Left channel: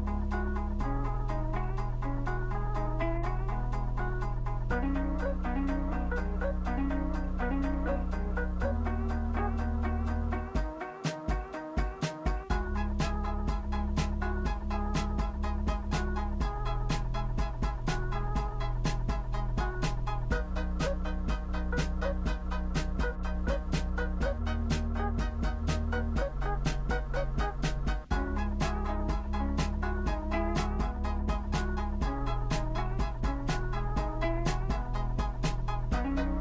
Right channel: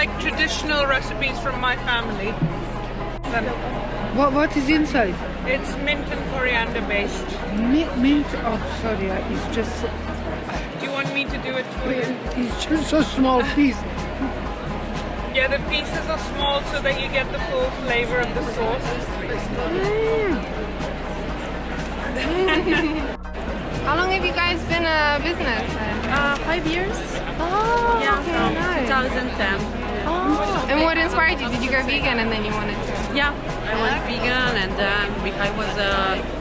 like traditional recipes from my family. What is inside? It's mint and coriander based. Mint? Oh, sorry, it's just... Do you want me to do it for you? It's just a small piece. Yeah, the pieces are small so that you get the full flavor of the sauce. How long have you guys been a business? 5 years. Oh, Yeah, okay, from nice. 2010. Oh. And what inspired you? Did you go vegan and then you wanted to? Yeah, I went vegan and I was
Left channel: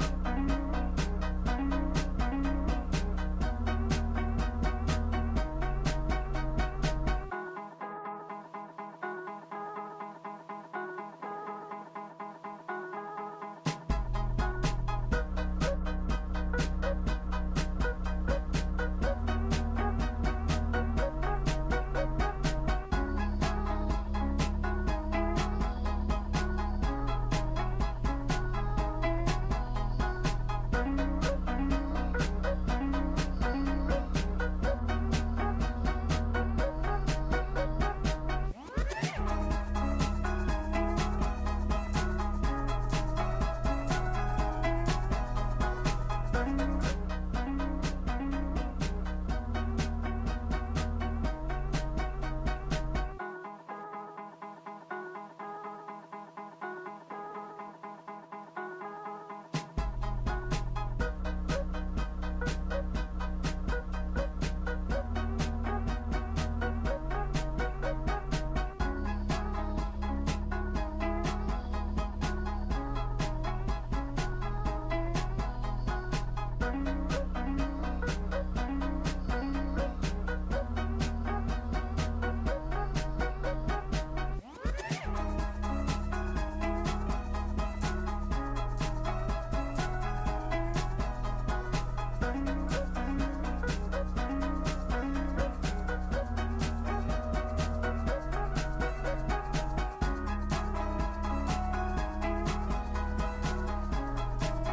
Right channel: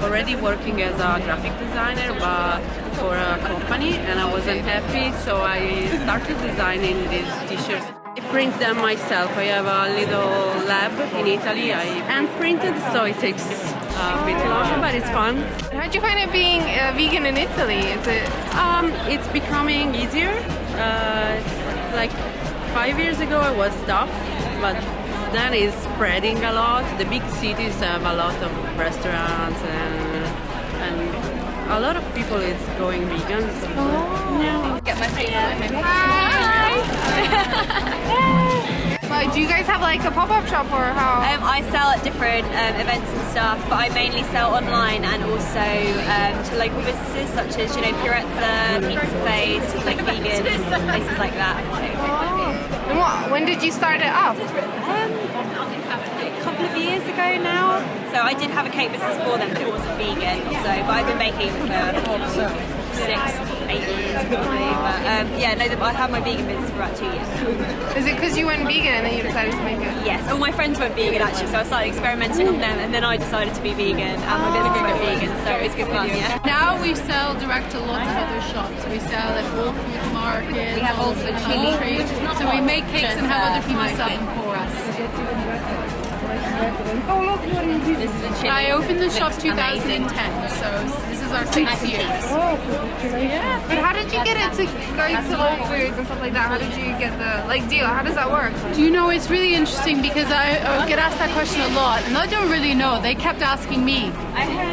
already working as a graphic designer but for a company and I wasn't happy, so I started designing these t-shirts. I print them myself. I have a little lab in Italy. I hand printed, so it takes a bit longer, but it's fun. How'd you find it being vegan in Italy? Is it? It's becoming easier. Like 5 years ago I was tough, but then it's spreading a lot. The big cities have a lot of restaurants and a lot of people is going vegan. Oh. Get my face on. Hi. Do you guys have like a pop-up shop or how? I sell at different events and stuff, but I mainly sell online and also to local businesses such as, you know, Purezza, Pizza Face, like vegan, places like that. So. And when did you start it up? A couple of years ago now. So I did have a cake business before then, but it wasn't vegan. So, but I've been baking for 6-8 years probably. But yeah, no, I had my vegan business for about 2 years. Is it because you went vegan and then you decided to make it? Yes, all my friends went vegan actually, so I started experimenting on them, and then I decided to be vegan, and my business went vegan, so it was good fun, yeah. Now we sell direct to lots of other shops. We sell at Whole Foods Market, we have also chili. So we make cakes and have other people sell them for us. This is a chili. I opened the shop 2010, so this is our 6th year. Yeah. But how did you get it to go to Whole Foods and stuff like that? How did you get the deal? How does that work? Do you know, it's really interesting because I get asked that question a lot and I don't really know. They kept asking me.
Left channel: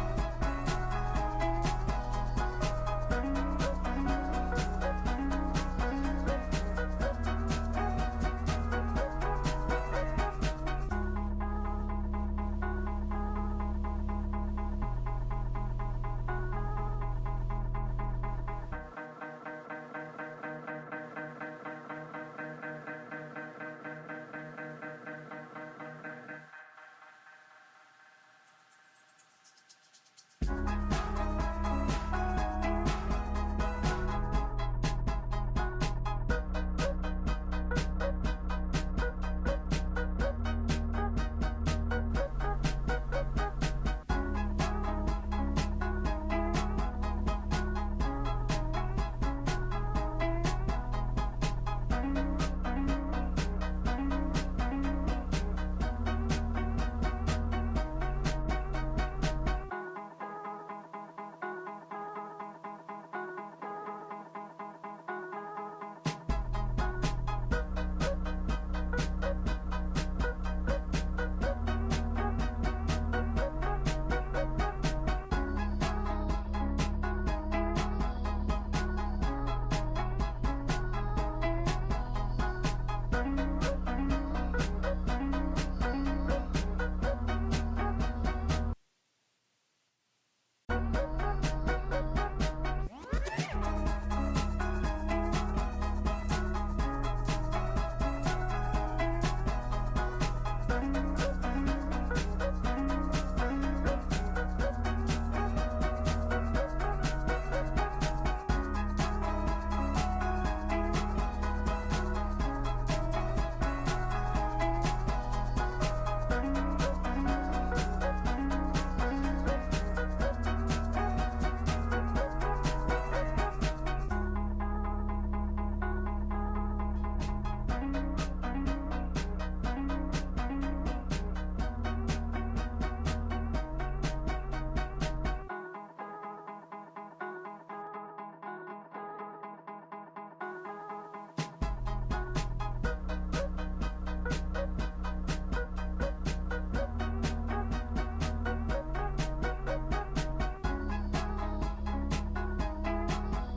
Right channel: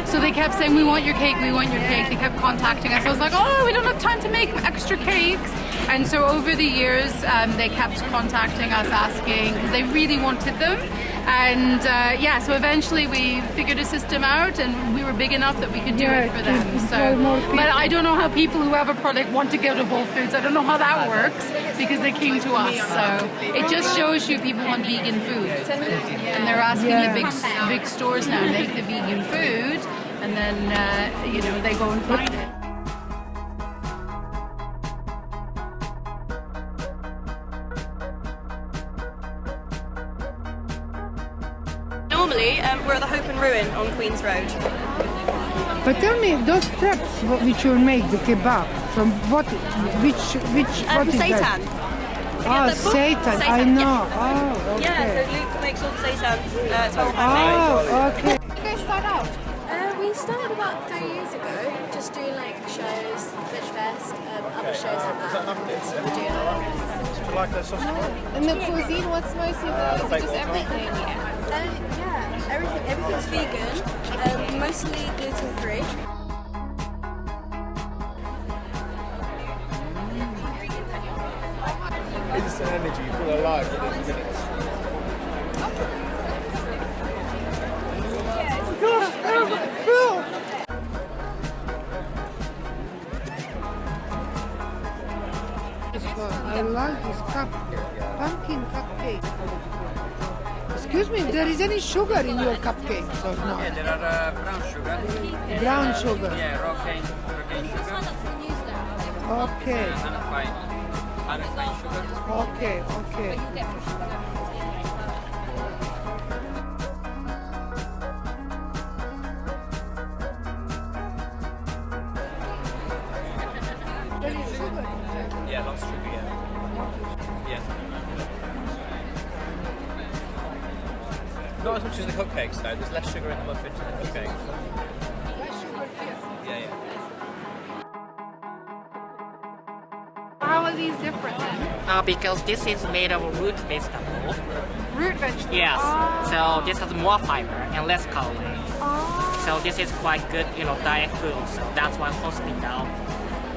So they kept saying, we want your cake, we want your cake. They kept contacting us. I was like, oh, we don't have time to make extra cakes. And so over the years, they kept contacting us asking because they really wanted them. And yeah, so eventually we figured a system out and we were big enough that we could do it for them. So, but I don't know how people who have a product want to go to Whole Foods. I don't know how that works because they came to us. So it just shows you people want vegan food. And they're asking the big stores now make the vegan food and then, you know, they go and find it. Normally, we're at the Hope and Ruin on Queen's Road. But tell me, those crepes which you make, the kebab, from what is Seitan. that? Oh, Seitan, I know. Yeah. Oh, okay. Yeah, so Luke makes all the Seitan. It's all handmade. Oh, okay. How did you guys start out? We started about 3 years ago, just doing like shows, VegFest, other shows like that. So we're doing And the cuisine, what's mostly just everything? yeah, everything's vegan, mostly gluten-free. Instant energy, you feel alive within minutes. I like this pumpkin cupcake. Excuse me, there is any sugar in your cupcakes or not? Yeah, there are brown sugar. Brown sugar. Yeah, raw cane. Okay. Unrefined sugar. Okay, okay. Yeah, lots of sugar, yeah. Not as much as the cupcakes though, there's less sugar in the muffins than the cupcakes. Yeah, yeah. How are these different then? Because this is made of root vegetable. Root vegetable? Yes. So this has more fiber and less calorie. So this is quite good, you know, diet food. So that's why hospital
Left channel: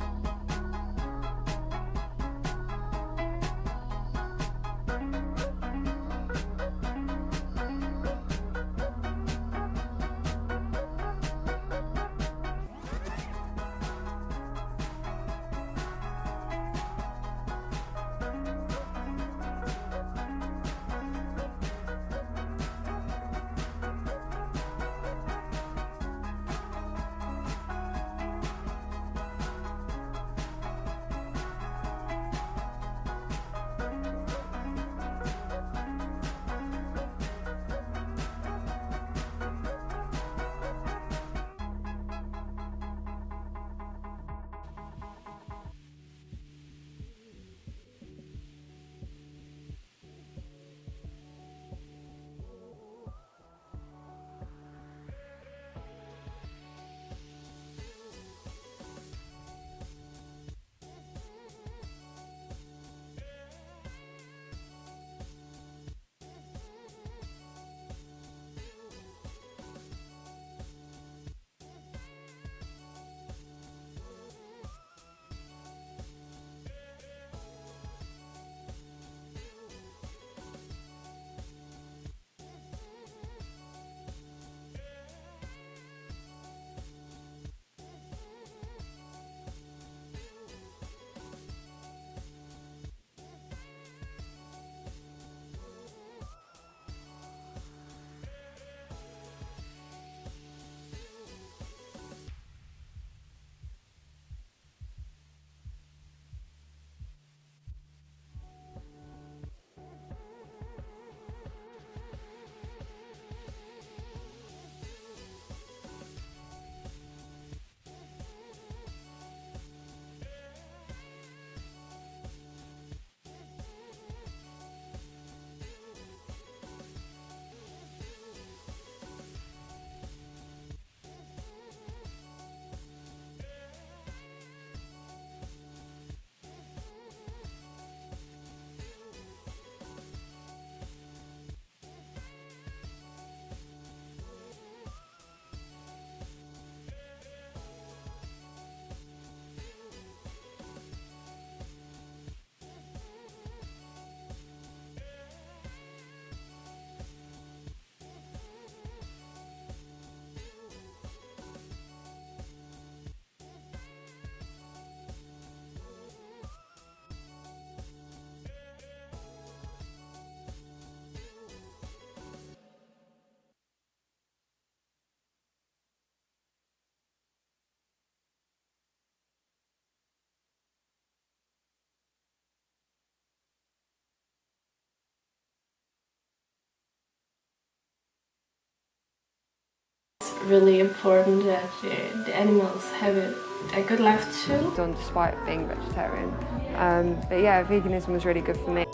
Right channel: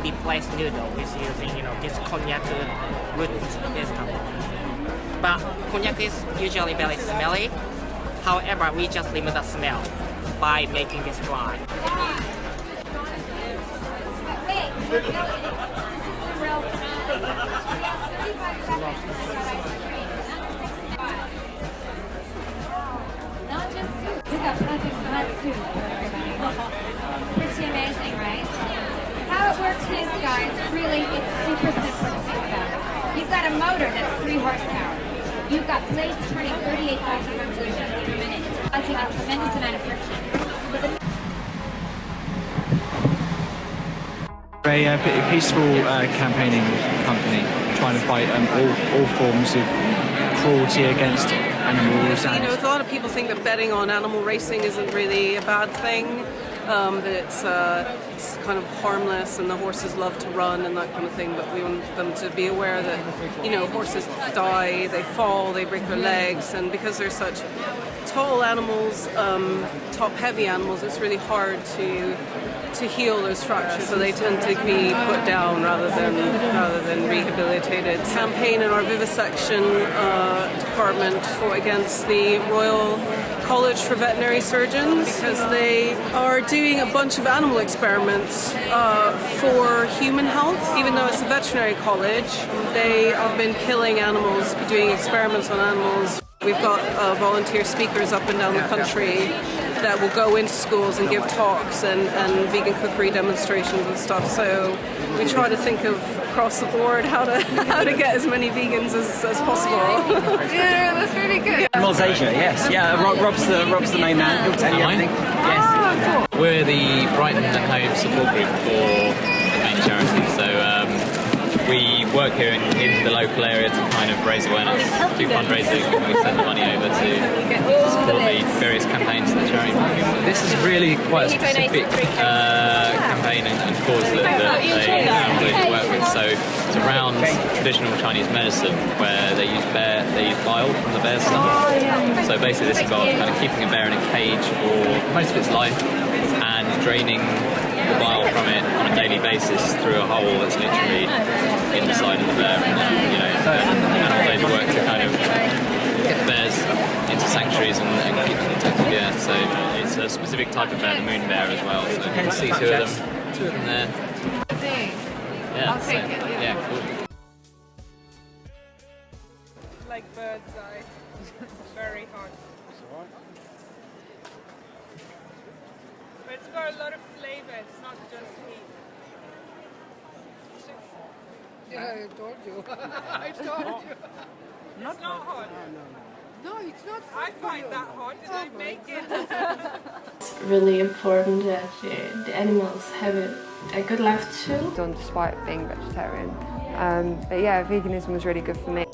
replace noodle with using, you know, this cognac root vegetable. but cognac is usually very smelly. However, we just limit the smell by making this dry. Pretty amazing, right? How it works is, guys, really, it's super simple. You've got a motor that's 3 horsepower. You've got blades turning 38,000 revolutions per minute, causing a tremendous amount of friction. A peaceful campaigning company trying to fight all forms of cruelty against animals. You know, a lot of people think that betting on animal racing isn't really a bad thing, that it's kind of harmless and the horses love to run and that kind of thing, but we want them to be aware that, you know, horses die, they fall, they break their legs, and because they're such tall animals, top-heavy animals, it's really hard to heal those fractures, so they tend to be put down rather than rehabilitated. Campaign in our vivisection department fought against the Royal College for Veterinary Surgeons because they are doing a bunch of animal experiments for human health. Even though it's a veterinary college, they have been killing animals, doing experiments on animals. We've got volunteer speakers up and down the country that will go into schools and give talks and vegan cookery demonstrations and stuff. So we try to think of across the board how to get as many vegans as possible. Yeah, that's really good. Animals Asia, yes. Yeah, Rob's the main man. He'll tell you everything. Yes. Cool. We're the Brighton at Home support group for the main charity. So we work here in the local area to kind of raise awareness, do fundraising, and we send the money over to support the various campaigns that the charity. This is really quite a specific campaign and cause that they work with. So it's around traditional Chinese medicine where they use bile from the bear's stomach. So basically this is about kind of keeping a bear in a cage for most of its life and draining the bile from it on a daily basis through a hole that's literally in the side of the bear. And then, you know, animal aid work to kind of get the bears into sanctuaries and keep them protected. Yeah, so it's a specific type of bear, the moon bear as well. So you can see two of them there. Yeah, I'll take it. Yeah, cool. Like bird's eye. Very hot. But it's got a lot of flavor, it's not just heat. Yeah, I told you. I told you. It's not hot. No, it's not. I find that hot and I make it. It's really important that the animals have a good life too. Done despite being vegetarian. But yeah, veganism was really good for me.